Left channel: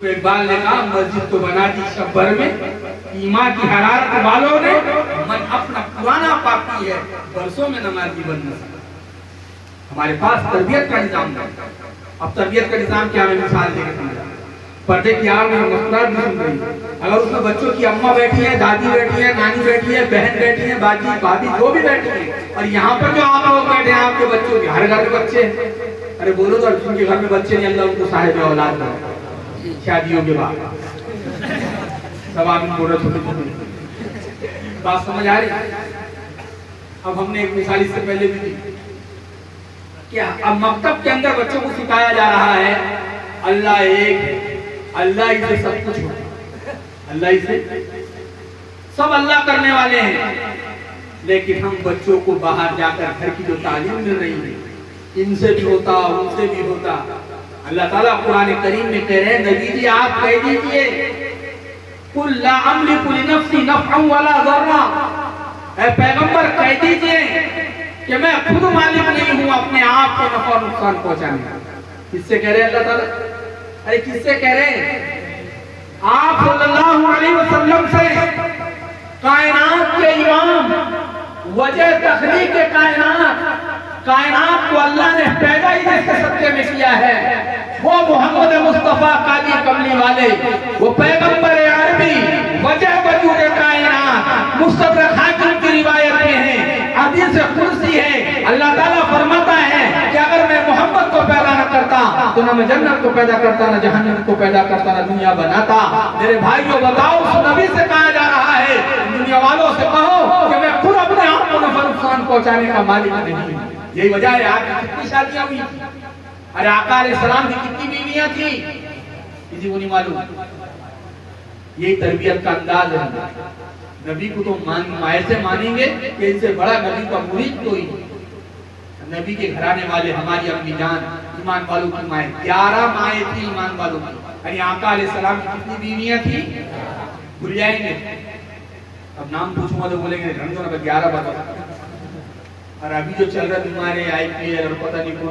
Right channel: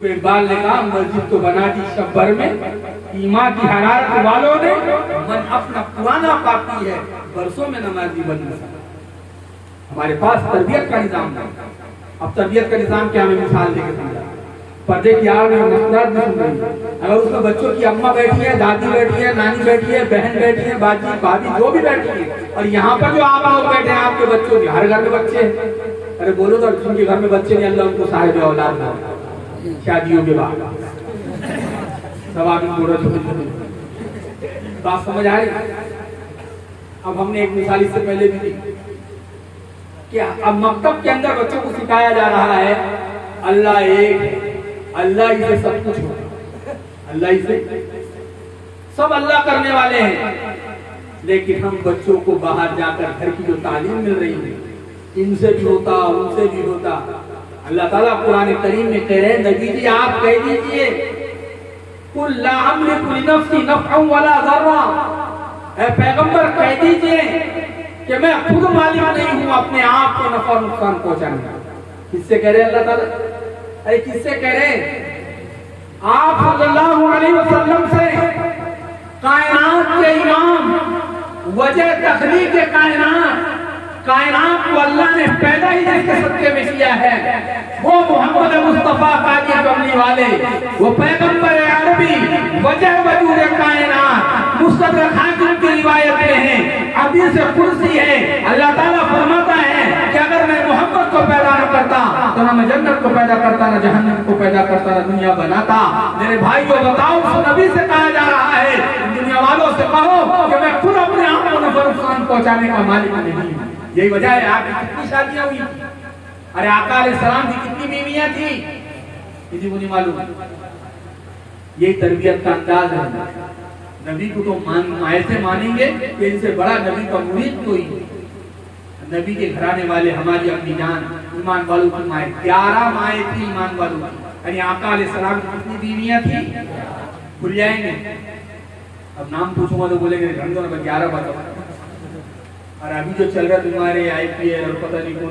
तो इकबाल ने कहा मस्जिद तो बना दी शब्बर में, ईमान की हरारत वालों ने मन अपना पुराना पाती है, बरसों में नमाजी बन न सका। हमारे पास तरबियत का निजाम है। अब तरबियत का निजाम क्या, मैं मिसाल देके समझा। पर्दे की आड़ में मुस्कुराहट भी सुन रही, अगर उसमें बच्चों की अम्मा बैठी है, दादी बैठी है, नानी बैठी है, बहन बैठी है, बाजी भाभी जो भी बैठी है, और यहाँ पर जो आप लोग बैठे हैं, आपके बच्चों के हर घर में बच्चे हैं। अरे बोलो तो जिनके घर में बच्चे नहीं, अल्लाह उनको साहिब औलाद ना शादियों के बाद सब आदमी बोल रहे छोटे छोटे। बात समझ आ रही? अब हमने एक मिसाल इससे पहले भी दी कि अब मकतब के अंदर बच्चों को सिखाया जा रहा है अल्लाह एक है, अल्लाह ही से सब कुछ होता, अल्लाह ही से सब अल्लाह करने वाले हैं। लेकिन हम बच्चों को बाहर जाकर घर की जो तालीम मिल रही है, इनसे भी होता उनसे भी होता। अल्लाह ताला कुरान करीम में कह रहे हैं, नबी जी आप कह दीजिए कुल ला अमलिकु लिनफ्सी नफ़अन वला ज़र्रा, ऐ पैगंबर कह दीजिए कि मैं खुद मालिक नहीं हूं अपने आप को नफा नुकसान पहुंचाने का। किससे कह रहे हैं अल्लाह ताला? अरे किससे कह रहे हैं? आप सल्लल्लाहु अलैहि वसल्लम से, कायनात के इमाम, वजह तखलीक के कायनात को अल्लाह ने पैदा ही जिसके सत्य में किया है, वो मोहम्मद मुस्तफा काली कमली वाले, वो पैगंबर अरबी, वजह वजूद कायनात, मुस्तदरक हाकिम की रिवायतें हैं, हदीस कुर्सी है। अल्लाह ताला फरमाता है कि अगर मैं मोहम्मद को पैदा न करता तो ना मैं जन्नत को पैदा करता, ना जहन्नम को पैदा करता, ना दुनिया बनाता। मेरे भाइयों बताओ, उस नबी से कहा जा रहा है, दुनिया वालों से कहो कि मैं खुद अपने आप को नफा नुकसान पहुंचाने का मालिक नहीं हूं। यही वजह है आपकी कितनी शादियां हुई, अरे आका अलैहिस्सलाम की कितनी बीवियां थी, किसी को नहीं मालूम। यही तरबियत का अंदाज है। नबी को तो ऐसे मानेंगे कि इनसे बड़ा नबी का मुरीद कोई नहीं। नबी के घराने वाले हमारी अम्मी जान ईमान वालों की माए, 11 माए थी ईमान वालों की। यानी आका अलैहिस्सलाम की कितनी बीवियां थी भूल जाएंगे। अब नाम पूछूंगा तो बोलेंगे रमजान में 11 बता। और अभी जो चल रहा है तुम्हारे IPL और पता नहीं कौन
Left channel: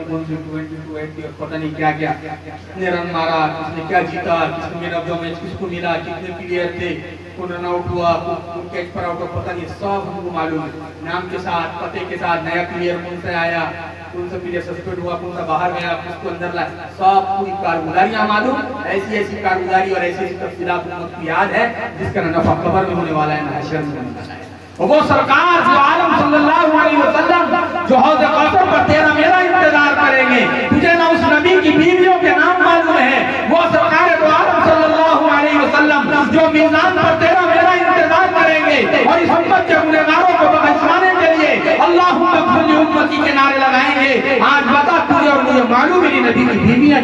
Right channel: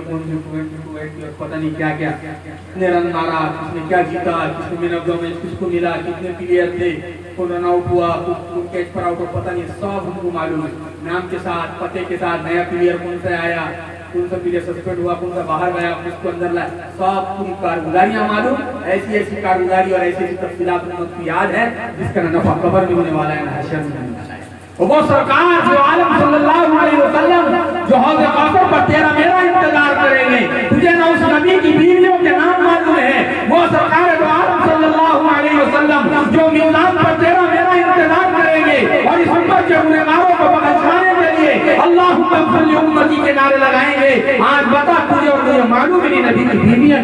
और पता नहीं क्या क्या, कितने रन मारा, किसने क्या जीता, किसने मैन ऑफ द मैच किसको मिला, कितने प्लेयर थे, कौन रन आउट हुआ, कौन कैच पर आउट हुआ, पता नहीं, सब हमको मालूम है। नाम के साथ, पते के साथ, नया प्लेयर कौन सा आया, कौन सा प्लेयर सस्पेंड हुआ, कौन सा बाहर गया, किसको अंदर लाया, सब पूरी कारगुजारियां मालूम। ऐसी ऐसी कारगुजारी और ऐसी ऐसी तफसीलात उम्मत को याद है जिसका नफा कब्र में होने वाला है, ना हश्र में होने वाला है। वो सरकार जो आलम सल्लल्लाहु अलैहि वसल्लम जो हौज़ कौसर पर तेरा मेरा इंतजार करेंगे, तुझे ना उस नबी की बीवियों के नाम मालूम है। वो सरकार जो आलम सल्लल्लाहु अलैहि वसल्लम जो मीज़ान पर तेरा मेरा इंतजार करेंगे और इस उम्मत के गुनहगारों को बख्शवाने के लिए अल्लाहुम्मा इग़फिर ली उम्मती के नारे लगाएंगे। आज बता, तुझे और मुझे मालूम ही नहीं नबी की बीवियां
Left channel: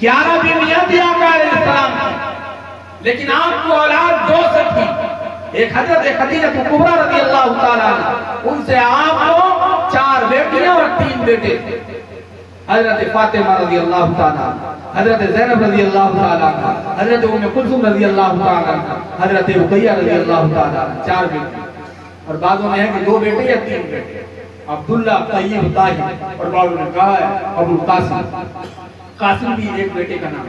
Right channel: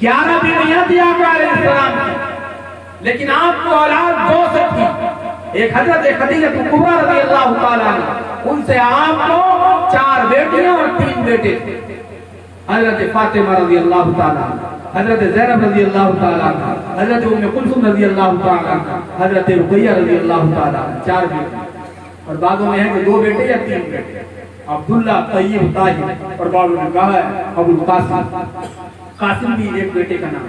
11 बीवियां थी आका अलैहिस्सलाम की, लेकिन आपको औलाद 2 से थी। एक हजरत खदीजा कुबरा रज़ियल्लाहु ताला अन्हा, उनसे आपको 4 बेटियां और 3 बेटे थे। हजरत फातिमा रज़ियल्लाहु ताला अन्हा, हजरत ज़ैनब रज़ियल्लाहु ताला अन्हा, हजरत उम्मे कुलसूम रज़ियल्लाहु ताला अन्हा, हजरत रुक़ैया रज़ियल्लाहु ताला, 4 बेटे। और बादों में है कि 2 बेटे या 3 बेटे, अब्दुल्ला, तय्यब, ताहिर, और बादों ने कहा है अबुल कासिम, कासिम भी एक बेटे का नाम।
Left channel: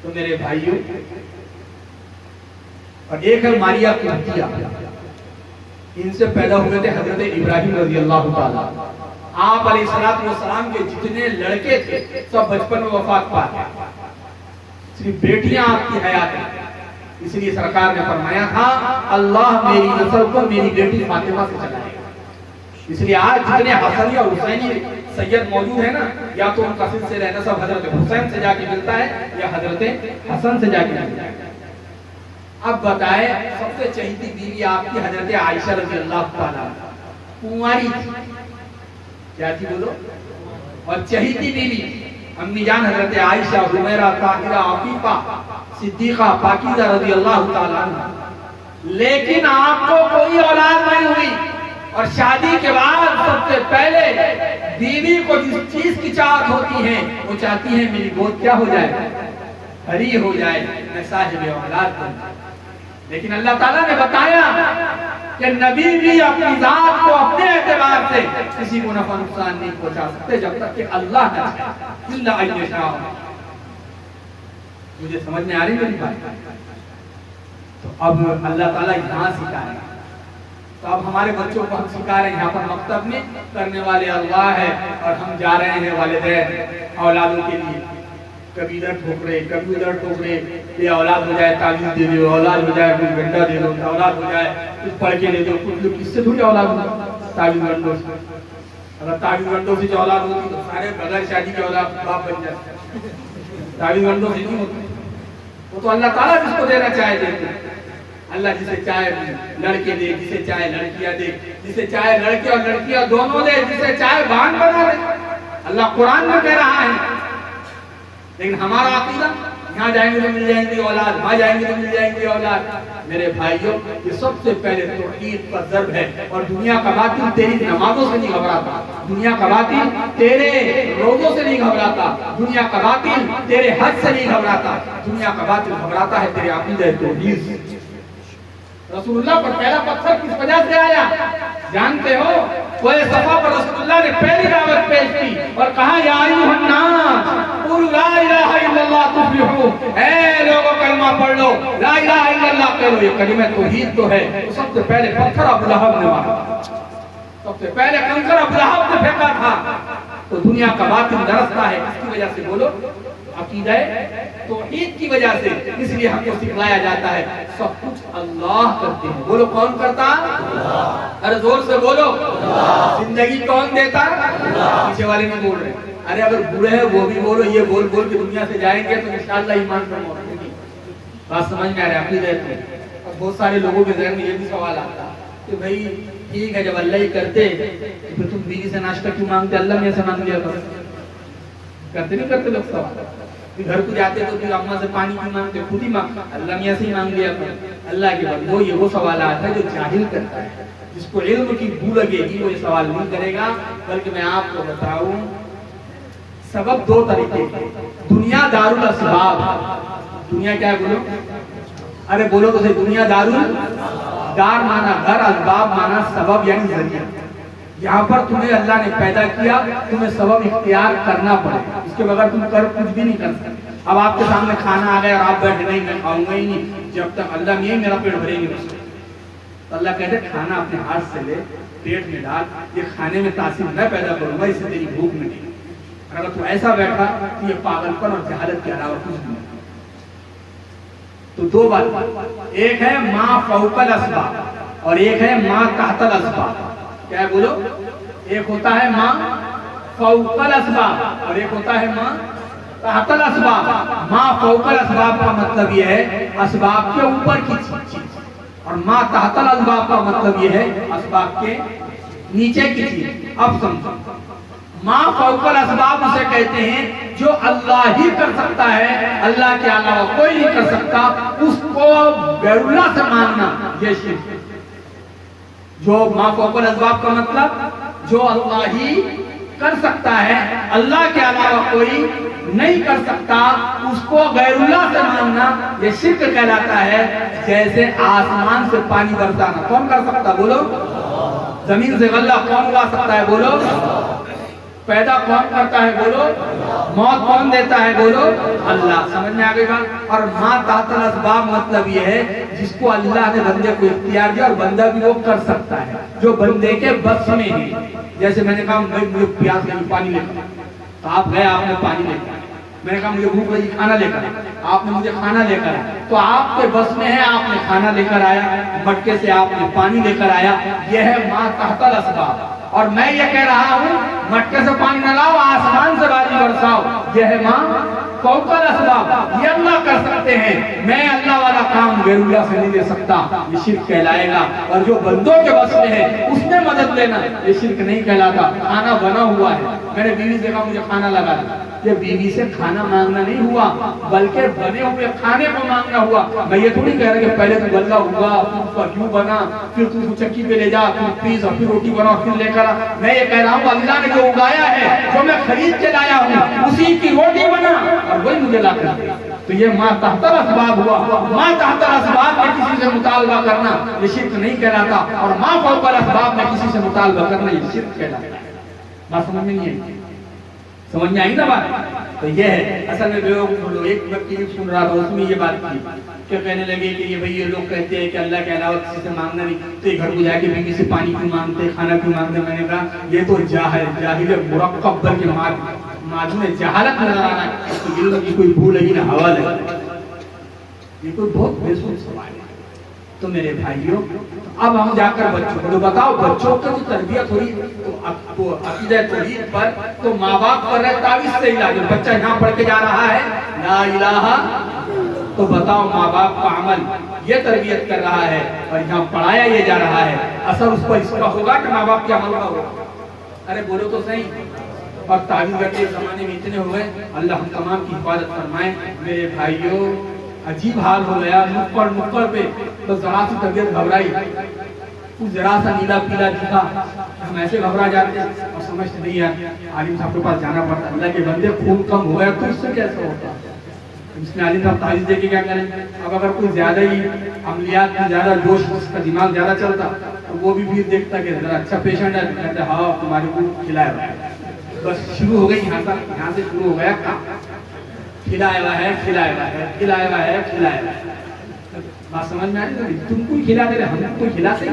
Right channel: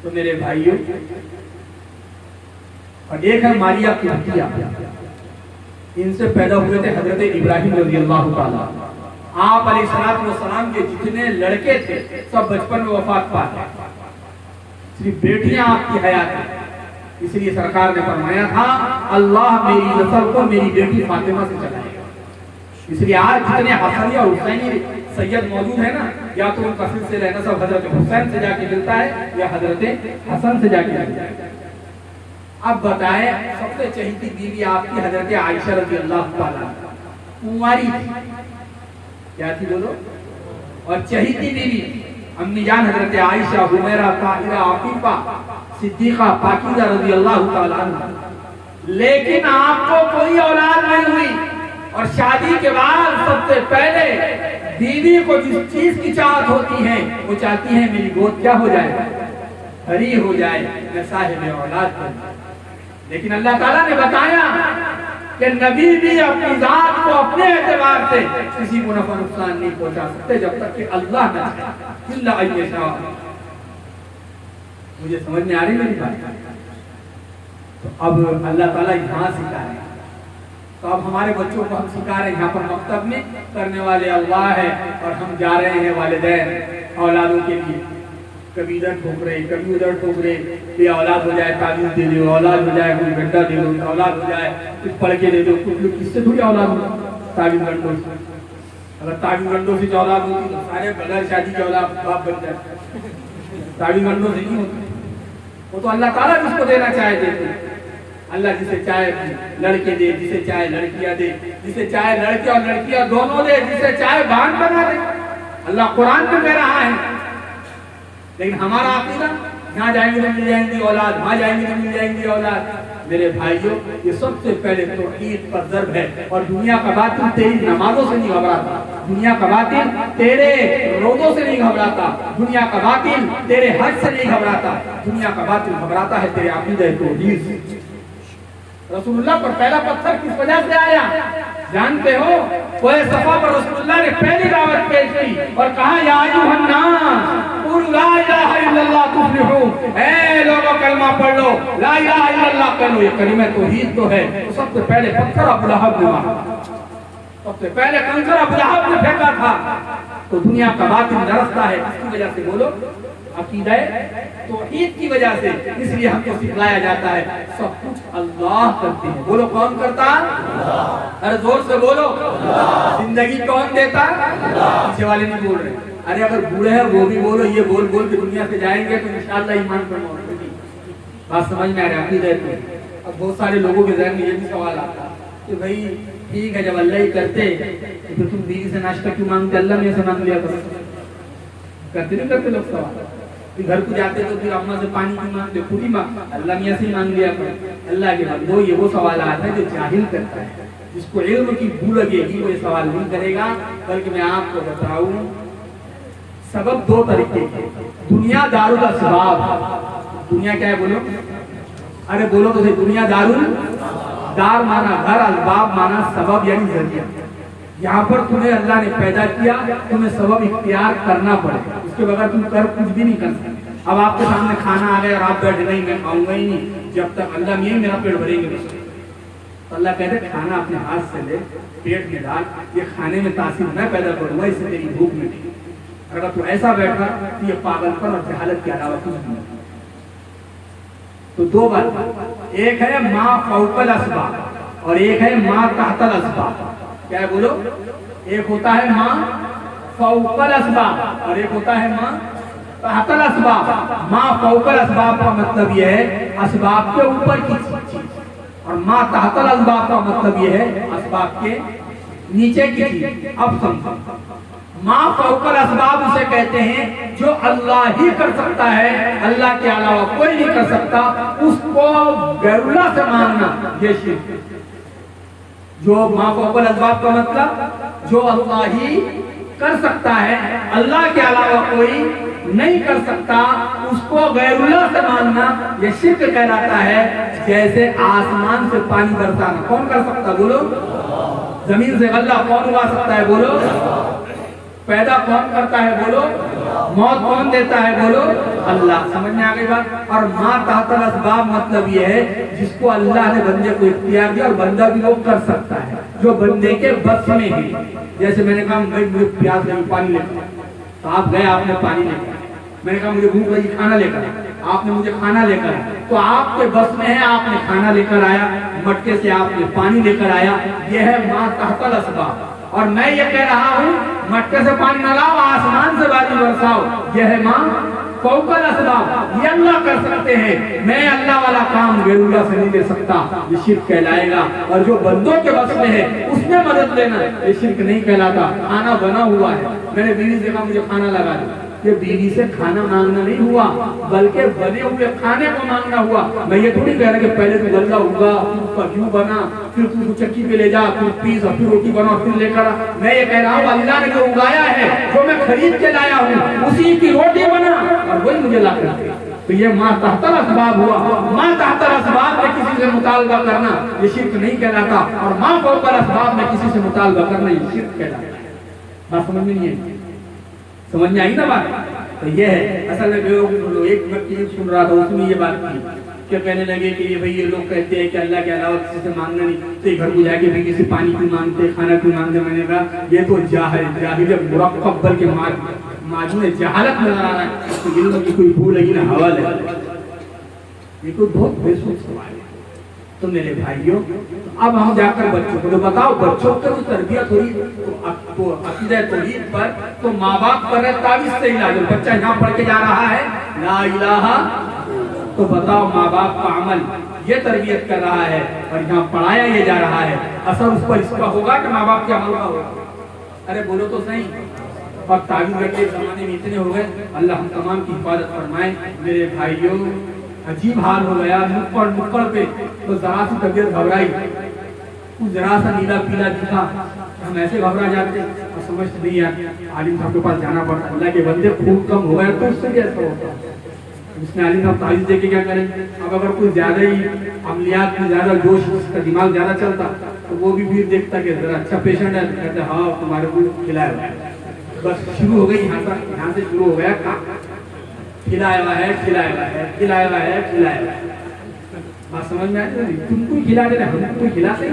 तो मेरे भाइयों, और एक है मारिया कुतिया, इनसे पैदा हुए थे हजरत इब्राहिम रज़ियल्लाहु ताला। आप अलैहिस्सलातु वस्सलाम के जितने लड़के थे सब बचपन में वफात पा गए, सिर्फ बेटियां आपकी हयात है। इसलिए सरकार ने फरमाया था अल्लाह मेरी नस्ल को मेरी बेटी फातिमा से चलाएगा। इसलिए आज जितने हसनी और हुसैनी सैयद मौजूद है ना, या तो उनका सिलसिला नसब हजरत हुसैन से जाके मिलता है या हजरत हसन से जाके मिलता है। अब बताए, सबसे चहीती बीवी आपकी हजरत आयशा रज़ियल्लाहु ताला, कुंवारी थी, क्या थी बोलो, और चहीती बीवी अम्मी जान हजरत आयशा, हुमैरा, ताहिरा, आफीफा, सिद्दीका, पाकीज़ा रज़ियल्लाहु ताला अन्हा। लेकिन आपको कोई औलाद नहीं हुई, और शादी के बाद सबसे पहले बीवी को जिस चीज की चाहत होती है वो चाहती है मेरी गोद क्या हो जाए, हरी हो जाए, मैं साहिब औलाद बन जाऊं। लेकिन अल्लाह ताला ने बताया कि नबी भी अपनी जात को अपने एतबार से किसी को नफा नुकसान नहीं पहुंचा सकते जब तक कि अल्लाह न चाहे। मुझे समझ में आ रही मेरी बात? तो अब अल्लाह ताला यहाँ सिखा रहे हैं, तो अब हमारे बच्चों को हम सिखा रहे हैं। यहाँ पर मकतब में करने वाले अल्लाह है और हम जा रहे हैं वालिदैन औलादों के लिए, कभी इधर ठोक रहे कभी उधर ठोक रहे, ये औलाद हो जाए तावीज़ दे दो, औलाद हो जाए कुछ गड्ढा दे दो, औलाद हो जाए कुछ पढ़ के दे दो। कुछ लोग किससे थोड़ी औलाद हो, तावीज़ गड्ढों से। अगर तावीज़ गड्ढों से औलाद होती तो सारे बगैर शादी के औलाद बाप बन जाते, तावीज़ गड्ढों से नहीं होती। वो तो अल्लाह ताला जिसको देना चाहे देते, अल्लाह जिसे चाहे लड़के दे, जिसे चाहे लड़कियां दे, जिसे चाहे लड़के और लड़कियां दोनों दे, जिसे चाहे बांध बना दे। अल्लाह कुरान में कह रहा है। लेकिन हमारा अकीदा, यहाँ जाएंगे तो मिल जाएंगे औलाद, वहाँ जाएंगे तो मिल जाएंगे औलाद। मेरे भाइयों, ये सबसे पहले तौहीद पर ज़र्ब है। और दुनिया का बातिल तेरी नमाजों से नहीं घबराता, दुनिया का बातिल तेरे रोज़ों से नहीं घबराता, दुनिया का बातिल तेरे हज से नहीं घबराता, दुनिया का बातिल घबराता है तेरे अकीदा तौहीद से। रसूलुल्लाह पर पहला पत्थर किस वजह से आया जानते हो? कोई सफा पर रसूलुल्लाह ने पहली दावत पेश की और कहा, या अय्युहन नास कुलू ला इलाहा इल्लल्लाह तुफ्लिहू, ऐ लोगों कलमा पढ़ लो, ला इलाहा इल्लल्लाह कह लो, ये कलिमा तौहीद तो है। तो सबसे पहले पत्थर अबू लहब ने मारा, सबसे पहले कंकर अबू लहब ने फेंका था। तो दुनिया का बातिल दरसता है, इसकी वजह से बोलो अकीदा तौहीद की वजह से। इसलिए हमको सिखलाया जाता है सब कुछ अल्लाह करते हैं। बोलो कौन करता? अरे जोर से बोलो। जिंदगी कौन देता? पीछे वाले नहीं बोल रहे। अरे अगर बूढ़े हैं वो भी बोलो, ये बोल बोल के दुनिया से जाएंगे तो इंशाअल्लाह ईमान पर मौजूद। बात समझ में आ रहा है अकीदा? अब बहुत सारे लोगों के ज़हन में ये भी सवाल आता कि भाई ठीक है, जब अल्लाह ही करते तो फिर तुम बीवी से नाश्ता क्यों मांगते? अल्लाह ने ऐसा मांग लिया, करते नहीं करते लोग सवाल। फिर घर को जाते तो फिर अम्मा से पानी क्यों मांगते? खुद ही मांग, अल्लाह ने ऐसे ही मांग लिया। अल्लाह के बंदो, ये वो सवाल आता है जो जाहिल करता है, जिसको इल्म की बू लगेगी वो ये सवाल नहीं करेगा। बल्कि मैं आपको बताऊं, सबब दो तरीके के। दुनिया दारुल असबाब, दुनिया क्या है बोलो? अरे बोलो तो सही, दुनिया दारुल, दार माना घर, असबाब माना सबब यानी जरिया। यहाँ पर तुम्हें अल्लाह ने पैदा किया, तुम्हें सबब इख्तियार करना पड़ेगा, इसके बगैर तुम कर कुछ भी नहीं कर सकते। अब आपके सामने खाना आ गया और आप बैठ नहीं, मैं खाऊंगा ही नहीं जब तक अल्लाह नहीं मेरा पेट भरेंगे बस। तो अल्लाह कहते खाना अपने हाथ से ले, पेट में डाल, ये खाने में तासीर मैं पैदा करूंगा, इससे तेरी भूख मिटेगी। अगर तू ऐसा बैठा तो ये पागलपन और जहालत के अलावा कुछ नहीं। तो दो बात, एक है माँ फौकल असबाब और एक है माँ तहतल असबाब। क्या है बोलो? एक होता है माँ फौकल असबाब और एक होता है माँ तहतल असबाब। माँ फौकल असबाब का मतलब यह है असबाब के ऊपर की चीज, और माँ तहतल असबाब का मतलब यह है असबाब के नीचे की चीज। अब समझो, माँ फौकल असबाब उसे कहते हैं जो अल्लाह ही कर सकता है, अल्लाह के अलावा कोई नहीं कर सकता, उसको गैरुल्लाह से मानना ये शिर्क है। जो माँ फौकल असबाब का मतलब जो अल्लाह ही कर सकता है, अल्लाह के अलावा कोई नहीं कर सकता, उसको गैरुल्लाह से मानना ये शिर्क कहलाता है। जैसे आसमान से पानी बरसाना कौन कर सकता है बोलो? जमीन से गल्ला कौन उगा सकता है बोलो? पैदा कौन करता है बोलो? मौत कौन देता है बोलो? अल्लाह। समझ में आ गई बात? और माँ तहतल असबाब मतलब ये है जिसको अल्लाह ने बंदे को इख्तियार दिया और बंदा भी वो कर सकता है, जो बंदे के बस में है। जैसे मैंने कहा भाई मुझे प्यास लगी पानी लेकर, तो आप गए आपने पानी लेकर। मैंने कहा मुझे भूख लगी खाना लेकर, आपने मुझे खाना लेकर आया, तो आपके बस में है, आपने खाना लेकर आया, मटके से आपने पानी लेकर आया। यह है माँ तहतल असबाब। और मैं ये कह रहा हूँ मटके से पानी न लाओ, आसमान से बारिश बरसाओ, यह है माँ फौकल असबाब। ये अल्लाह कर सकते हैं, मैं अल्लाह वाला काम गैरुल्लाह से नहीं दे सकता, ये शिर्क कहलाएगा। और जो बंदों के बस में है उसने मदद लेना, ये शिर्क नहीं कहलाता। खाना बना हुआ है, मैंने बीवी से कहा मुझे खाना लगा दे, ये बीवी से खाना मांगना नहीं हुआ, बल्कि बने हुए खाने को मांगना हुआ। मैं ये थोड़ी कह रहा कि पहले तो गल्ला हुआ, फिर क्यों बना, फिर तू चक्की पे ले जा, फिर पीस, फिर रोटी बना, फिर लेकर आ। मैं ये कह रहा हूँ अल्लाह ने जो उगाया है, जो मैं खरीद के लाया हूँ, उसी की रोटी बना और वही मुझे ला कर। तो ये माँ तहतल असबाब हुआ। माँ तहतल असबाब में किसी से मुतालबा करना ये शिर्क नहीं कहलाता, और माँ फौकल असबाब में किसी से मुतालबा करना ये शिर्क कहलाता है। बात समझ में नहीं आई? समझ में आई ना बात? तो ये है असल में बेवकूफ। एक व्यक्ति सुन रहा था, उसमें ये बात थी क्या कहने लगे कि ये भाई ये लोग कहते हैं कि अल्लाह के अलावा किसी से मांगना नहीं, तो घर को जाके भाई किसी पानी क्यों मांगते, खाना क्यों मांगते। मैंने कहा ये तो जाहिल मुरक्कब के माजून जहालत नजर आ रहा है, तो दिल की कोई भूल है ना हवाल है, ये कोई बहुत बेसुध सवाल है। तो मेरे भाइयों अब हम जाकर बच्चों को तो बताओ, बच्चों को तरबियत हुई तो अकीदा तौहीद पर तो माँ बाप कर रहे तावीज से इलाज। बच्चा यहाँ पढ़ के जा रहा है ला इलाहा, तो बताओ माँ बाप का अमल ये तरबियत कर रहा है और यहाँ पढ़ाया ये जा रहा है, असर उस पर इसका होगा कि माँ बाप के अमल का होगा? अरे बोलो तो सही। और तावीज के जमाने में इतने हो गए, अल्लाह हम तमाम की हिफाजत फरमाए। मेरे भाइयों अजीब हाल हो गया, नुक्कड़ पे बस जरा सी तबियत घबराई, कुछ जरा सा नीला पीला दिखा, हम ऐसे घबरा जाते और समझ नहीं आती, आलिम साहब के पास जाना पड़ता। अल्लाह के बंदे खून कम हो गया तो उससे कैसे होता? उसने आलिम साहब तारीफ देके क्या करें? अब अगर कोई ज्यादा ही अमलियात में ज्यादा जोश, उसका दिमाग ज्यादा चलता तो वो भी फिर देखता कि जरा अच्छा पेशेंट है, कहते हाँ तुम्हारे को खिलाया। बस शुरू हो गई यहाँ से शुरू हो गया काम, खिलाया हुआ है खिलाया हुआ है खिलाया हुआ है खिलाया हुआ है। बात समझ में आ रही? तुमको खिला दे रहे, हमको खिलाते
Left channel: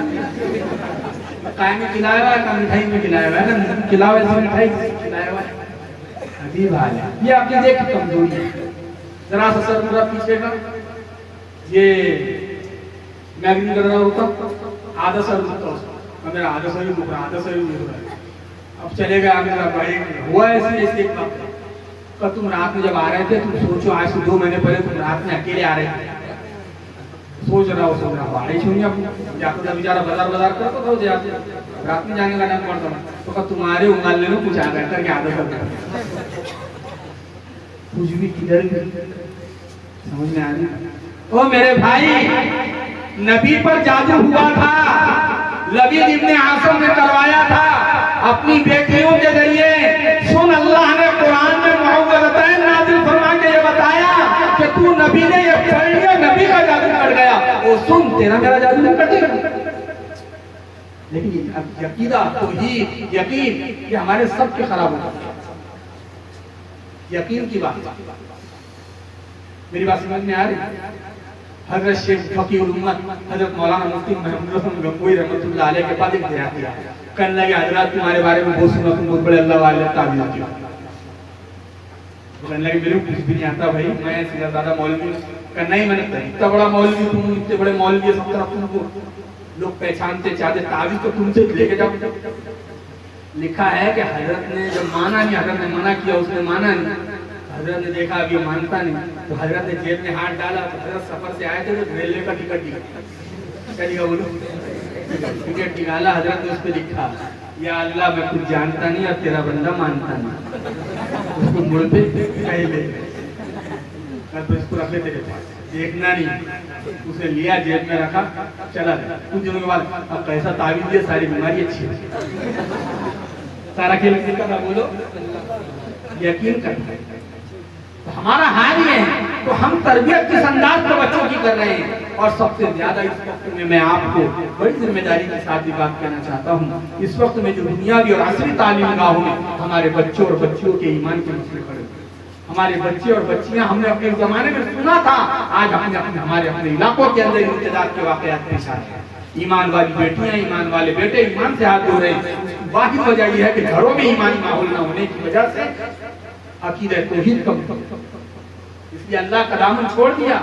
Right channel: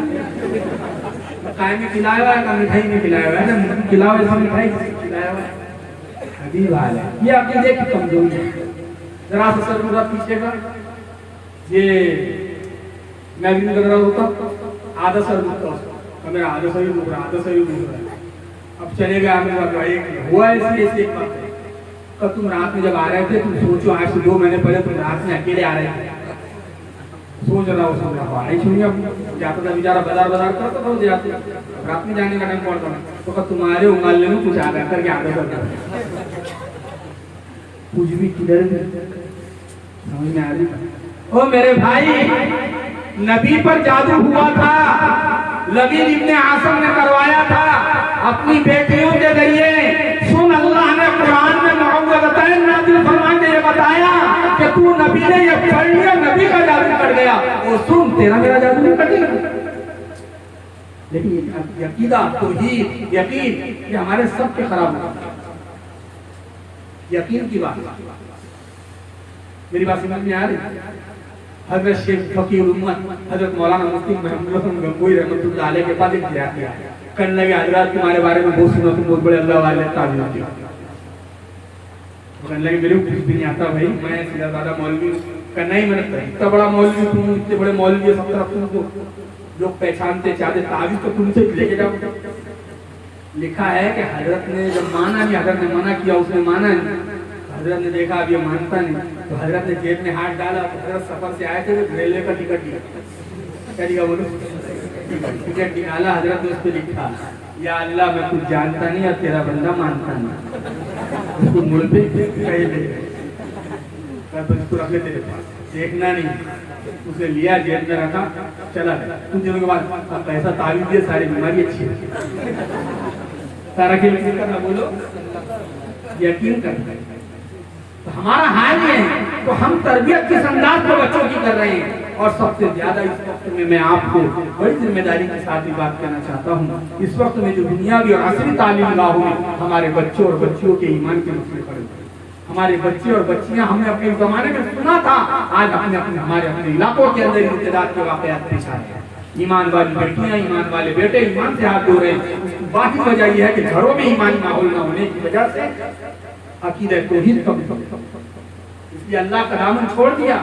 काय में खिलाया हुआ है, मिठाई में खिलाया हुआ है ना, खिलाया हुआ मिठाई खिलाया हुआ है। अजीब हाल है ये, आपकी देख कमजोरी है। जरा सा सर पूरा पीछे का, ये मैं भी कर रहा होता आधा सर दुखता उसका, मेरा आधा सर दुख रहा, आधा सर दुख रहा है। अब चलेगा आगे भाई हुआ ऐसी ऐसी एक बात है। कल तुम रात में जब आ रहे थे, तुम सोचो आज से 2 महीने पहले तुम रात में अकेले आ रहे थे, सोच रहा हूँ आई सुनिए जाता था बेचारा बाजार करता था, जाते रात में जाने का टाइम पड़ता था, तो कब तुम्हारे उंगाल लेना कुछ आगे करके आगे करता कुछ भी किधर भी समझ में आ रही। ओ मेरे भाई नबी पर जादू हुआ था, लबीद इब्ने आसम ने करवाया था अपनी बेटियों के जरिए। सुन अल्लाह ने कुरान में मुअव्वज़तैन नाज़िल फरमा के ये बताया कि तू नबी ने ये पढ़ लिया, नबी का जादू कर गया, वो सुन तेरा मेरा जादू नहीं कटेगा। लेकिन अकीदा तौहीद यकीन ये हमारे सबके खराब होता है। यकीन की बात, मेरी बात समझ में आ रही? हजरत शेख फकीर उम्मत हजरत मौलाना मुफ्ती मोहम्मद गंगोई रहमतुल्लाह अलैह के पास एक बयान दिया, कहने लगे हजरत तुम्हारे बारे में बहुत सुना, तुम बहुत बड़े अल्लाह वाले ताबीर हो। कहने लगे मेरे को कुछ भी नहीं आता भाई, मैं सीधा साधा मौलवी। कहना नहीं मैंने इतना बड़ा मौलवी, तुम इतने बड़े मौलवी सब तरफ तुमको लोग पहचानते चाहते, ताबीर तो तुमसे लेके जाओ। लिखा है कि हजरत ने जब माना नहीं, हजरत ने मना किया, उसने माना नहीं, हजरत ने देखा अब ये मानता नहीं, तो हजरत ने जेब में हाथ डाला। तो हजरत सफर से आए थे तो रेलवे का टिकट दिया, क्या दिया बोलो? टिकट निकाला, हजरत ने उस पर लिखा या अल्लाह मैं कुछ जानता नहीं और तेरा बंदा मानता नहीं। उसको मुड़ पे कहे दे, तो इसको रख ले तेरे पास, देखना नहीं। उसे लिया, जेब में रखा, चला। कुछ दिनों के बाद अब पैसा ताबीज दिया, सारी बीमारी अच्छी है, सारा खेल करना बोलो यकीन करना। तो हमारा हाल ये है, तो हम तरबियत किस अंदाज पर बच्चों की कर रहे हैं। और सबसे ज्यादा इस वक्त में मैं आपको बड़ी जिम्मेदारी के साथ भी बात कहना चाहता हूँ, इस वक्त में जो दुनियावी और असली तालीम गाहों में हमारे बच्चों और बच्चियों के ईमान के मसले खड़े, हमारे बच्चे और बच्चियां, हमने अपने जमाने में सुना था, आज हमारे अपने इलाकों के अंदर इर्तिदाद के वाकयात पेश आ रहे हैं। ईमान वाली बेटियां, ईमान वाले बेटे ईमान से हाथ धो रहे हैं। उसकी वाहिद वजह यह है कि घरों में ईमानी माहौल न होने की वजह से अकीदा तौहीद कम, इसलिए अल्लाह का दामन छोड़ दिया,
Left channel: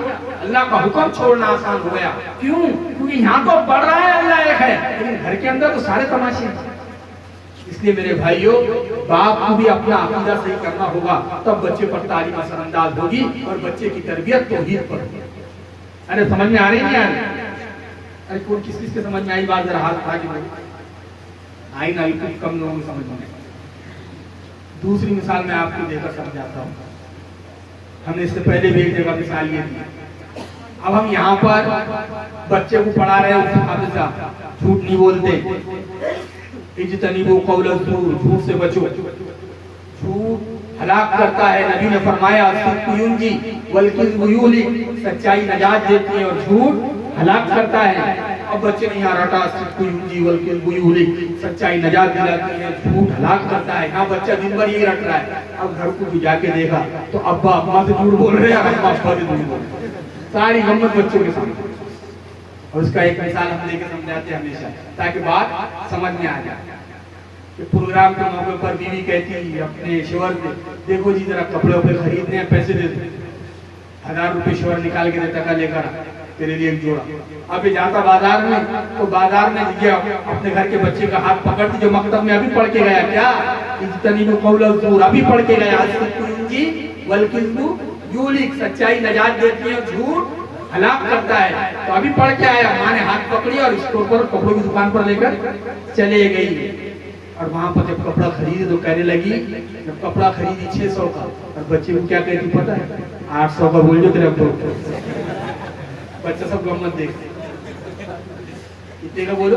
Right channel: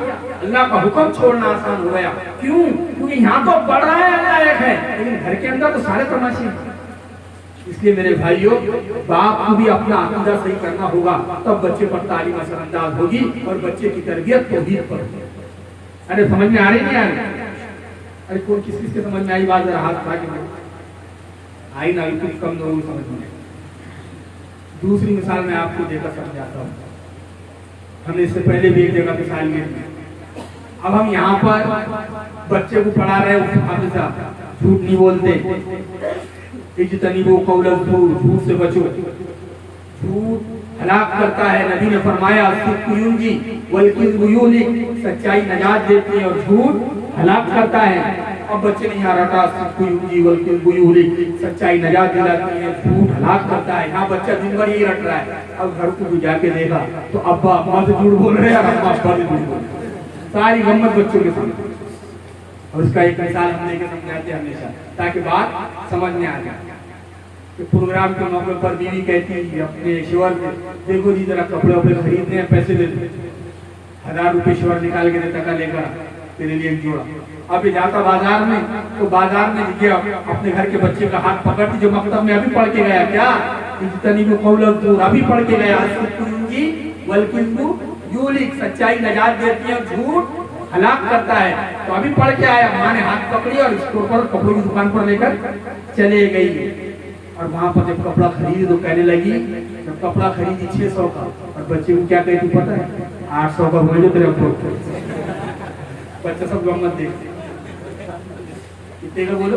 अल्लाह का हुक्म छोड़ना आसान हो गया। क्यों? क्योंकि यहाँ तो बढ़ रहा है अल्लाह एक है, लेकिन घर के अंदर तो सारे तमाशे हैं। इसलिए मेरे भाइयों, बाप को भी अपना अकीदा सही करना होगा, तब बच्चे पर तालीम असरअंदाज होगी और बच्चे की तरबियत तौहीद पर होगी। अरे समझ में आ रही है? अरे कौन किस किस के समझ में आई बात? जरा हाथ उठा के आई ना, कुछ कम लोगों को समझ में। दूसरी मिसाल मैं आपको देकर समझाता हूँ। हमने इससे पहले भी एक जगह मिसाल ली थी। अब हम यहाँ पर बच्चे को पढ़ा रहे हैं, हमेशा झूठ नहीं बोलते, इज्तनीबू कौल ज़ूर, झूठ से बचो, झूठ हलाक करता है। नबी ने फरमाया सिद्क़ु युंजी वल किज़्बु युहलिक, सच्चाई नजात देती है और झूठ हलाक करता है। अब बच्चे नहीं आ रहा था जीवन के बुरी सच्चाई नजात दिलाती है, झूठ हलाक करता है। यहाँ बच्चा दिन भर यही रट रहा है। अब घर को भी जाके देखा तो अब्बा अम्मा से झूठ बोल रहे हैं, अम्मा अब्बा से झूठ बोल रहे हैं, सारी गम्मत बच्चों के सामने। और उसका एक मिसाल हम लेके समझाते हैं हमेशा, ताकि बात समझ में आ जाए। प्रोग्राम के मौके पर बीवी कहती है अपने शोहर से, देखो जी जरा कपड़े वपड़े खरीदने हैं, पैसे दे दो। 1000 रुपये शोहर निकाल के देता, का लेकर तेरे लिए एक जोड़ा। अब ये जाता बाजार में, तो बाजार में गया अपने घर के बच्चे का हाथ पकड़ती, जो मकतब में अभी पढ़ के गया, क्या इतनी में कौल दूर अभी पढ़ के गया, सच्चाई नजात देती है, झूठ हलाक करता है। तो अभी पढ़ के आया, माँ ने हाथ पकड़ी और स्टोर पर कपड़ों की दुकान पर लेकर चले गई। और वहां पर जब कपड़ा खरीदी तो कहने लगी, जब कपड़ा खरीदी 600 का, और बच्चे को क्या कहती पता है, 800 का बोल दो तेरे अब्बू। बच्चा सब गम्मत देखते, कितने का बोलो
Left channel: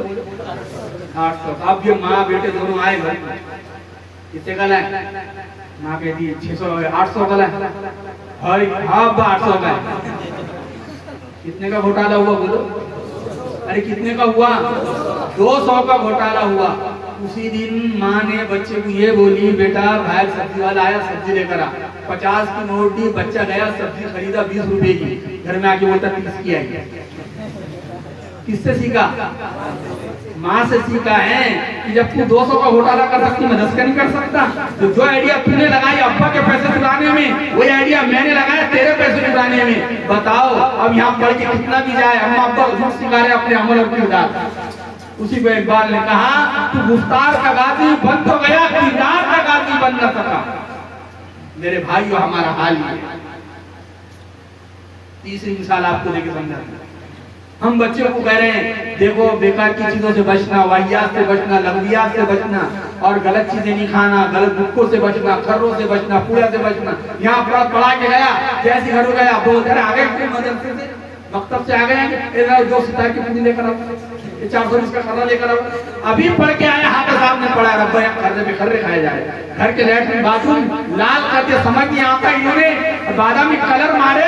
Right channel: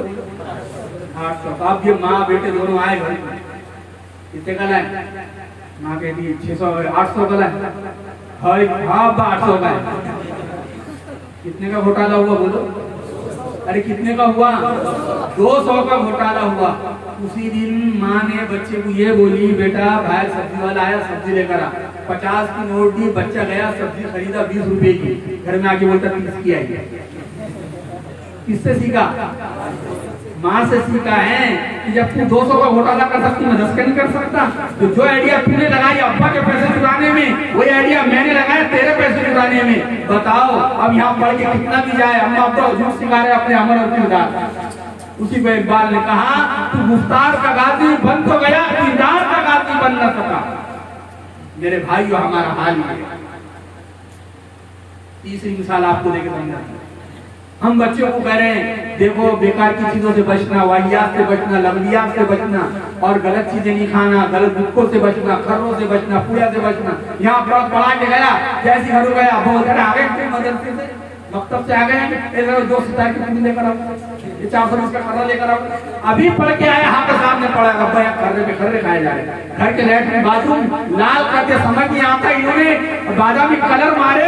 800। तो अब ये माँ बेटे दोनों आए घर, कितने का लाए? माँ कहती है 600 800 का लाए। हाँ 800 का है। कितने का घोटाला हुआ बोलो? अरे कितने का हुआ? 200 का घोटाला हुआ। उसी दिन माँ ने बच्चे को ये बोली, बेटा बाहर सब्जी वाला आया, सब्जी लेकर आ। 50 की नोट दी, बच्चा गया सब्जी खरीदा 20 रुपए की, घर में आके बोलता 30 की आई। किससे सीखा? माँ से सीखा है कि जब तू 200 का घोटाला कर सकती, मैं 10 का नहीं कर सकता। तो जो आइडिया तूने लगाई अब्बा के पैसे चुराने में, वही आइडिया मैंने लगाया तेरे पैसे चुराने में। बताओ अब यहाँ पढ़ के कितना भी जाए, अम्मा अब्बा झूठ सिखा रहे अपने अमल और किरदार। उसी पे इकबाल ने कहा, तू गुफ्तार का गाजी बन तो गया, किरदार का गाजी बन न सका। मेरे भाइयों हमारा हाल ये है। तीसरी मिसाल आपको देके समझाते हैं। हम बच्चों को कह रहे हैं, देखो बेकार की चीजों से बचना, वाहियात से बचना, लग्जियात से बचना, और गलत चीजें नहीं खाना, गलत बुक्कों से बचना, खर्रों से बचना, पूजा से बचना। यहाँ पढ़ा के गया, जैसे घर गया बोल कर आ गए मदरसे से, मकतब से आ गए, जो सिता की पूरी लेकर आओ, 420 का खर्रा लेकर आओ। अभी पढ़ के आया, हाथ सामने पड़ा, रब्बा खर्रे पे खर्रे खाए जा रहे। घर के लैट्रिन बाथरूम लाल करके समझ नहीं आता, इन्होंने बादामी कलर मारे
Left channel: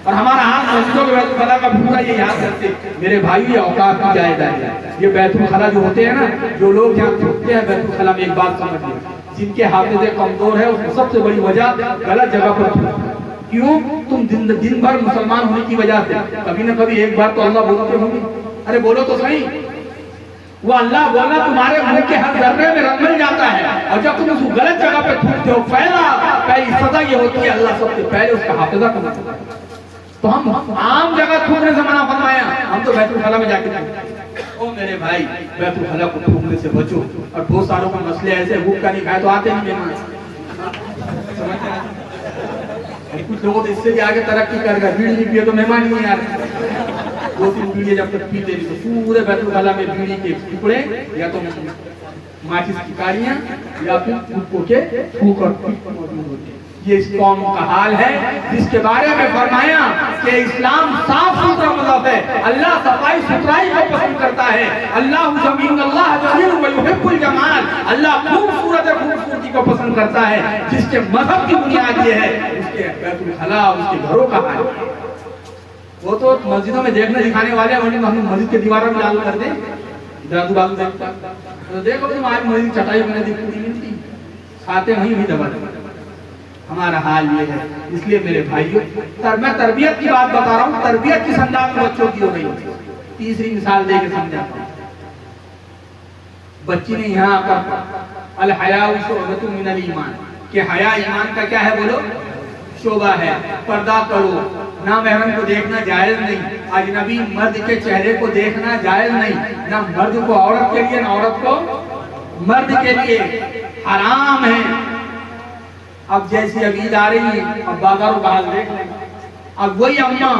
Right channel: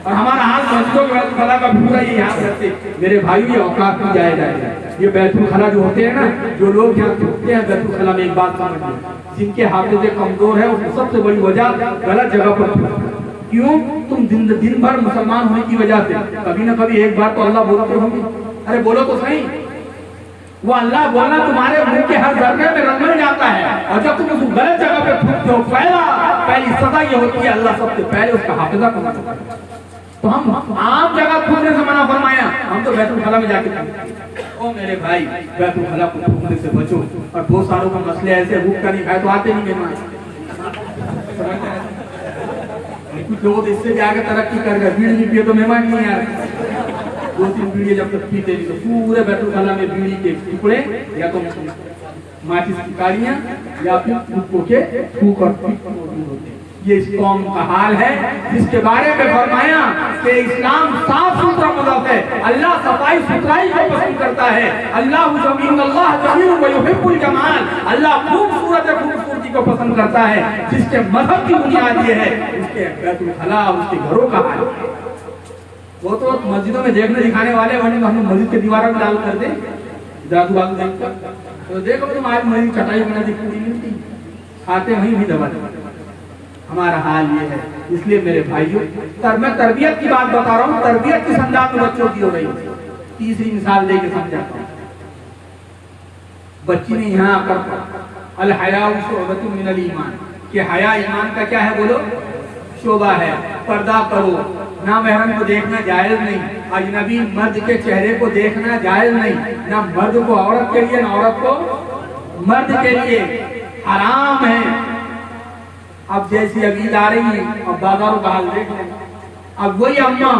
और हमारा हाथ मस्जिदों के बैतुल का भूखा ये याद रखते। मेरे भाई ये औकात की जायजा है। ये बैतुल खला जो होते हैं ना, जो लोग यहाँ थूकते हैं बैतुल खला में, एक बात समझिए, जिनके हाफिज़े कमजोर है उसकी सबसे बड़ी वजह गलत जगह पर थूकना। क्यों? तुम दिन भर मुसलमान होने की वजह से कभी न कभी एक बार तो अल्लाह बोलते होंगे। अरे बोलो तो सही, वो अल्लाह बोलना तुम्हारे मुंह के हर जर्रे में रंगल जाता है। और जब तुम उस गलत जगह पे थूकते हो, पहली सजा ये होती है, अल्लाह सबसे पहले उसका हाफिज़ा करना पड़ता है। तो हम आम जगह थूकने से मना फरमाया, हम तो बैतुल खला में जाके थूकते। ओ मेरे भाई, बैतुल खला को थूकने से बचो। और बहुत सारों का मसले ऐसे, भूख का नहीं खाए तो आते नहीं मेहमान। कुछ लोगों तो इससे भी आगे तरक्की कर गए, बीड़ी नहीं पिए तो मेहमान नहीं आ रहे। 2-3 बीड़ी जब तक पीते नहीं तो पूरे बैतुल खला में बीड़ी के टुकड़े, या तो माचिस की काड़ियां, या फिर भुक्कों के फूक और मौजूद होते हैं। ये इस कौम का हाल है, जिसके बारे में फरमाया कि इस्लाम साफ सुथरा मज़हब है। अल्लाह सफाई सुथराई को पसंद करता है। अल्लाह खूबसूरती को पसंद करता है। जिसके मजहब की बुनियाद ये है, उसके बैतुल खला, उसके घरों का हाल। वो तो मस्जिदों में देखने दिखाने वाले, वरना हम मस्जिद के दीवारों में लाल कर दे, दादू बाबू देखते तो देखो तुम्हारी मस्जिद चटाई में नदी पूरी मिलती, खाते वहीं भी दबा दबा। हमारा हाल ये है। इसलिए मेरे भाइयों, मैं तरबियत की बात बता रहा हूँ, तरबियत किस अंदाज में बच्चों की हो रही है। तीसरी मिसाल देके समझाता हूँ। बच्ची ने यहाँ आकर अल हयाउ शुअबतुम मिनल ईमान, कि हया ईमान का क्या है बोलो? शोभा है। पर्दा करो, ना महरम को देखना जायज नहीं, अजनबी मर्द के चेहरे को देखना जायज नहीं, ना मर्द को औरत के लिए, ना औरत को मर्द के लिए, हराम है। अब जैसी अब ईद आ रही है, अब बाजारों का हाल देख लें। अब वही अम्मा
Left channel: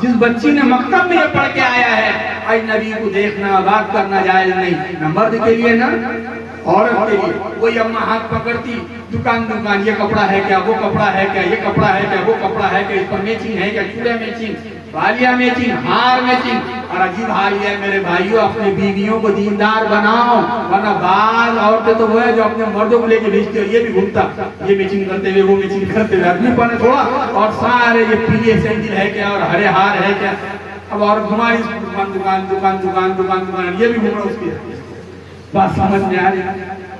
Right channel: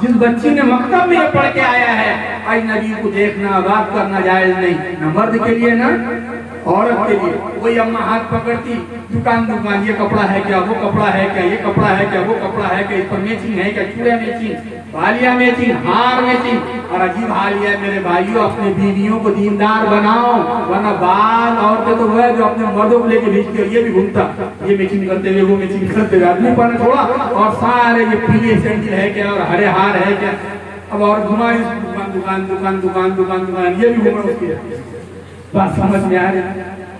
जिस बच्ची ने मकतब में ये पढ़ के आया है, अजनबी को देखना, बात करना जायज नहीं, न मर्द के लिए ना औरत के लिए, वही अम्मा हाथ पकड़ती, दुकान ये कपड़ा है क्या, वो कपड़ा है क्या, ये कपड़ा है क्या, वो कपड़ा है क्या, इस पर मैचिंग है क्या, चूड़िया मैचिंग, बालिया मैचिंग, हार मैचिंग। और अजीब हाल है मेरे भाइयों, अपने बीवियों को दीनदार बनाओ, वरना बाल औरतें तो वो है जो अपने मर्दों को लेके भेजती है, ये भी घूमता, ये मैचिंग करते हुए, वो मैचिंग करते हुए, आदमी पाने थोड़ा, और सारे ये पीले सैंडल है क्या, और हरे हार है क्या। अब और घुमा दुकान दुकान दुकान दुकान दुकान दुकान, ये भी घूम रहा उसकी बात समझ में आ रही।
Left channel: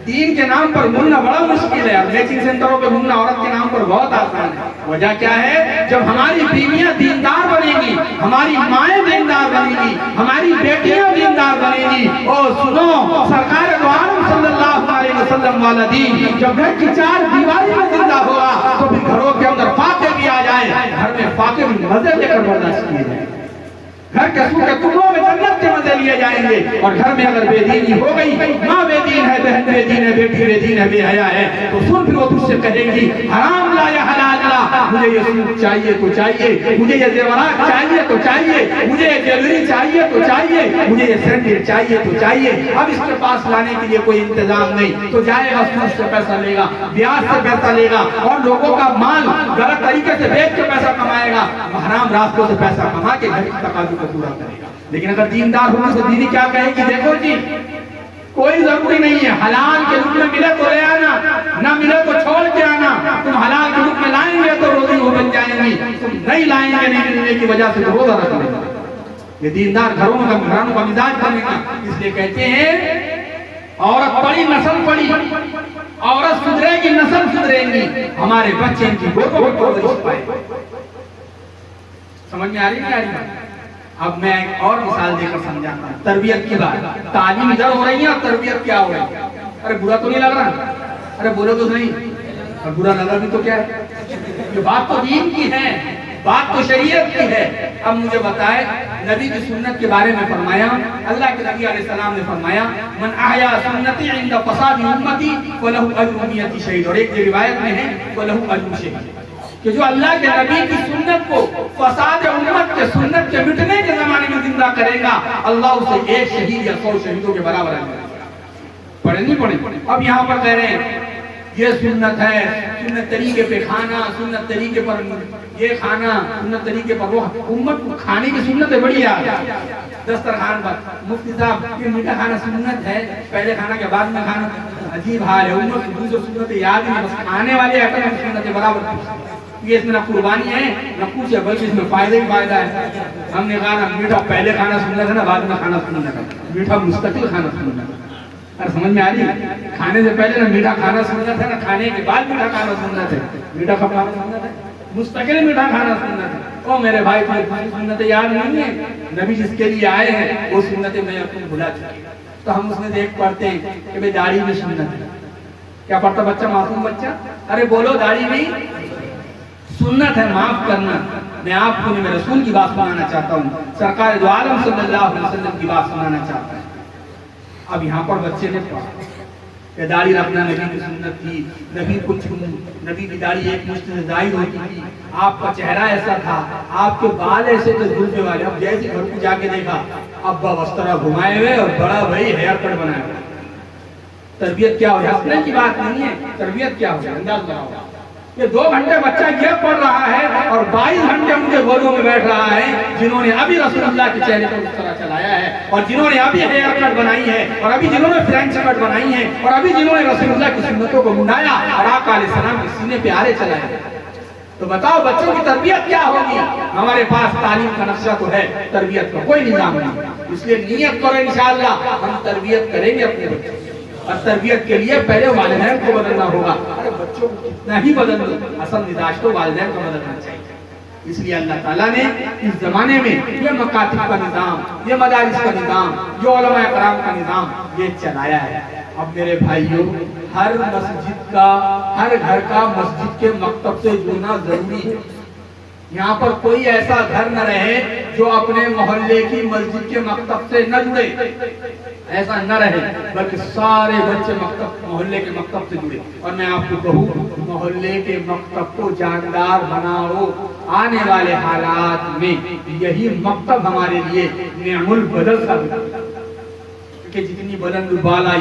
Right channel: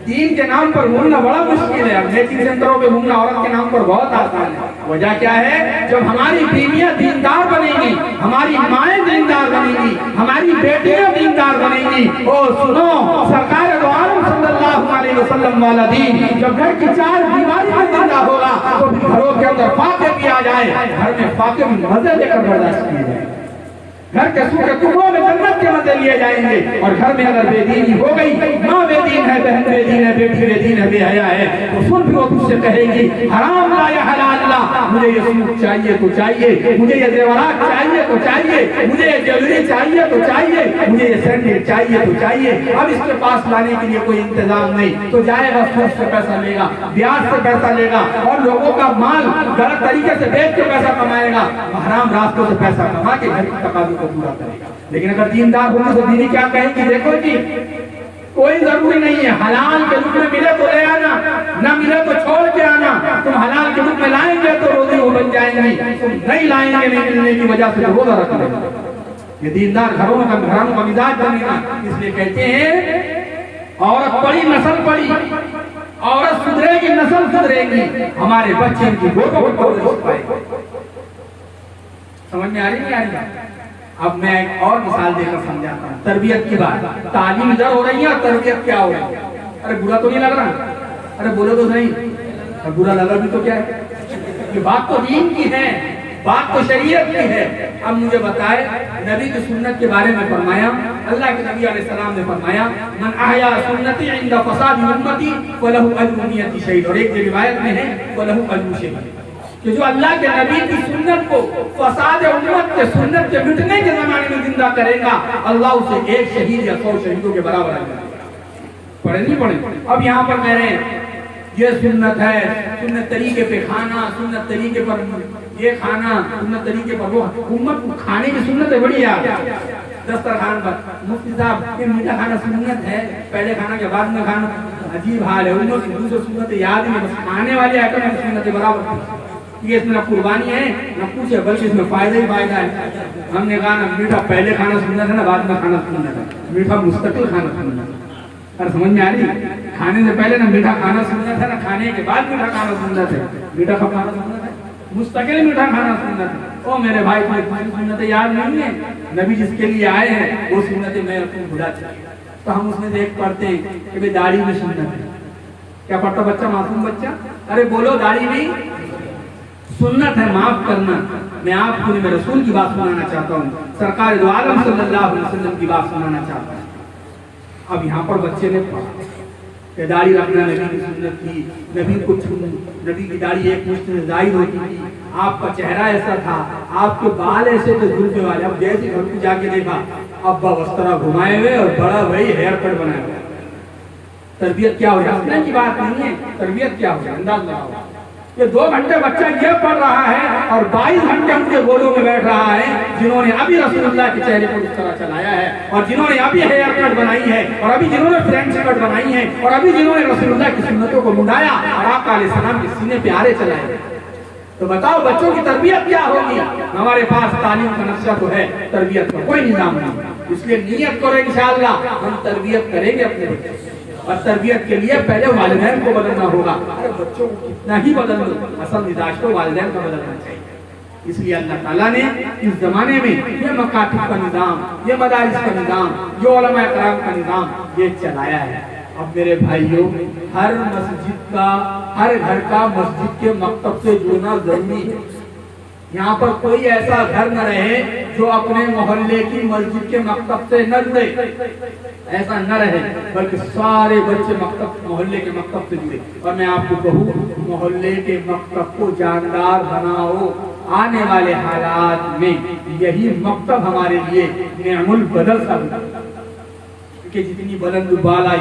दीन के नाम पर घूमना बड़ा मुश्किल है। मैचिंग सेंटरों पे घूमना औरत के नाम पर बहुत आसान है। वजह क्या है? जब हमारी बीवियां दीनदार बनेगी, हमारी माएं दीनदार बनेगी, हमारी बेटियां दीनदार बनेगी। ओ सुनो, सरकार दो आलम सल्लल्लाहु अलैहि वसल्लम वाला दीन जब घर की चार दीवारी में जिंदा होगा तो भी घरों के अंदर फाके भी आ जाए, घर में फाके भी मजे लेकर बर्दाश्त किए जाए। घर के सूखे टुकड़ों में जन्नत के मजे लिए जाएंगे। और घर में अगर बेदीनी हो गई, माँ बेदीन है, बहन बेदीन है, बेटी बेदीन है, बेहया है, तो सुन फिर वो तुझसे कहेगी हराम ला या हलाल ला, मुझे ये सूट चाहिए तो चाहिए, मुझे ये जेवरात चाहिए तो चाहिए, मुझे ये ज्वेलरी चाहिए तो चाहिए, मुझे ये सैंडल चाहिए तो चाहिए। अब इसके पास लाने के लिए कोई इंतजाम नहीं तो जाएगा, सूद से पैसा लेगा, ब्याज से पैसा लेगा और लोगों का माल गलत तरीके से बेच के पैसा कमाएगा, हराम रास्तों से पैसा कमा के घर की तकाज़ुब को पूरा करेगा। लेकिन अगर दीनदार होगा तो दीनी क्या कहेगी? देखो जी, कोई जरूरी नहीं है, हलाल के रूप में मिले तो ले आना, ना मिले तो छोड़ के आना। तुम हलाल के रूप में लाएंगे तो रोजी वो बन जाएंगी, तुम नहीं लाएंगे, नहीं मिलने की वजह से तो रोजा रख लेगा। ये दीनदार घरों का मिजाज बनेगा। इसलिए कहते हैं औरत पड़ी नस्ल पड़ी, औरत सुधरेगी नस्ल सुधरेगी, हमारे बच्चे इनकी गोदों में परवरिश पाएंगे। समझ में आ रही नहीं आ रही? अब मैं एक और मिसाल देकर समझाता हूँ तरबियत की बात। तालीम इधर हो रही है और तरबियत क्या हो रही है? अरे बुरा तो नहीं लग रहा? अरे बोलो तो सही, और बुरा लगा भी तो क्या है? ये बात तो दीन की है, बात तो शरीयत की है। अब मुझे बताए, नबी की सुन्नत के बारे में फरमाया, अल्लाह के नबी अलैहिस्सलाम ने फरमाया, मन अहया सुन्नती इंद फसाद उम्मती फलहु अज्रु नियति शहीद। और एक रिवायत में है फलहु अज्रु शहीद, कि जो अल्लाह के नबी की सुन्नत को फसाद उम्मत के सुन्नत के मिटने के जमाने में जिंदा करेगा, अल्लाह उसे एक शहीद या 100 शहीदों के बराबर है। पढ़े नहीं पढ़े? अब यहाँ पर कह रहे हैं ये सुन्नत है, सुन्नत तरीके पे खाना, सुन्नत तरीके पर ये खाना, सुन्नत तरीके पर वो। उम्मत को खाने की सुन्नत है बड़ी यार, दस्तरखान पर मुफ्ती साहब ये मीठा खाना सुन्नत है, पहले खाना के बाद में खाना। अजीब हाल है, उम्मत को दूसरी सुन्नत याद नहीं, बस खाने वाले आइटम की सुन्नत बराबर। ये इसमें ना कुर्बानी है ना कुछ है, बल्कि इसमें फायदा ही फायदा है। हमने कहा ना मीठा पहले खाना सुनना था ना बाद में खाना सुनना था, मीठा मुस्तकिल खाना सुनना था। अरे समझ में आ रही? खाने से पहले ना मीठा खाना सुनना था, ना खाने के बाद मीठा खाना सुनना था। मीठा कब खाना सुनना था? मुस्तकिल मीठा खाना सुनना था। ओ मेरे भाई, तुम्हें सुन्नतें याद नहीं है? नबी जिसके लिए आए हैं वो सुन्नतें मैं तुम भुला चुके। तो हम उसमें देख पढ़ते हैं कि भाई दाढ़ी भी सुन्नत है। क्या पढ़ता बच्चा, मासूम बच्चा? अरे बोलो, दाढ़ी भी सुन्नत है, माफ करना। मैं आपको मेरे रसूल की बात सुनाना चाहता हूँ, सरकार दो आलम सल्लल्लाहु अलैहि वसल्लम की बात सुनाना चाहता हूँ। अब यहाँ पर बच्चे ने पढ़ा, दाढ़ी रखना नबी की सुन्नत थी, नबी की दाढ़ी एक मुश्त से जाहिर होती थी, आपका चेहरा ऐसा था, आपके बाल ऐसे थे जुल्फे वाले। अब जैसे घर को जाके देखा, अब्बा वस्त्रा घुमाए हुए और बड़ा भाई हेयर कट बनाए हुए। तरबियत क्या हो रही है? की बात नहीं है, तरबियत क्या हो रही है अंदाज लगाओ। ये 2 घंटे बच्चा ये पढ़ रहा है और 22 घंटे उनके गोलों में बैठ रहा है, जिन्होंने अभी रसूलुल्लाह के चेहरे पर उस तरह चलाया है, और जिन्होंने अभी हेयर कट बनाई है, और अभी जिन्होंने फ्रेंच कट बनाई है, और अभी जिन्होंने रसूलुल्लाह की सुन्नतों को मुंडाया और आका अलैहिस्सलाम के सीने पे आरे चलाए। तो बताओ बच्चों की तरबियत क्या होगी? हमारे पास तालीम का नक्शा तो है, तरबियत का कोई निजाम नहीं। इसलिए नियत करो इंशाअल्लाह हम तरबियत करेंगे अपने बच्चों, और तरबियत के लिए पहले वालिदैन को बदलना होगा। अरे बच्चों को कितना ही बदल दो, असल मिजाज तो वालिदैन को बदलना चाहिए। इसलिए अल्लाह ताला ने इस जमाने में ये मकातिब का निजाम, ये मदारिस का निजाम, ये उलमा कराम का निजाम ये चलाया है। अब मेरे भाइयों, हर मस्जिद का, हर घर का मस्जिद के मकतब से जुड़ना जरूरी है। यहाँ पर कोई ऐसा घर न रहे जो अपने मोहल्ले की मस्जिद के मकतब से न जुड़े, ऐसा न रहे, बल्कि सारे बच्चे मोहल्ले के मकतब से जुड़े। और मैं आपको कहूँ, मोहल्ले के मकतब को जानदार बनाओ। आने वाले हालात में यही मकतब हमारे लिए नेअमुल बदल साबित, क्योंकि जितनी बुलंद बाला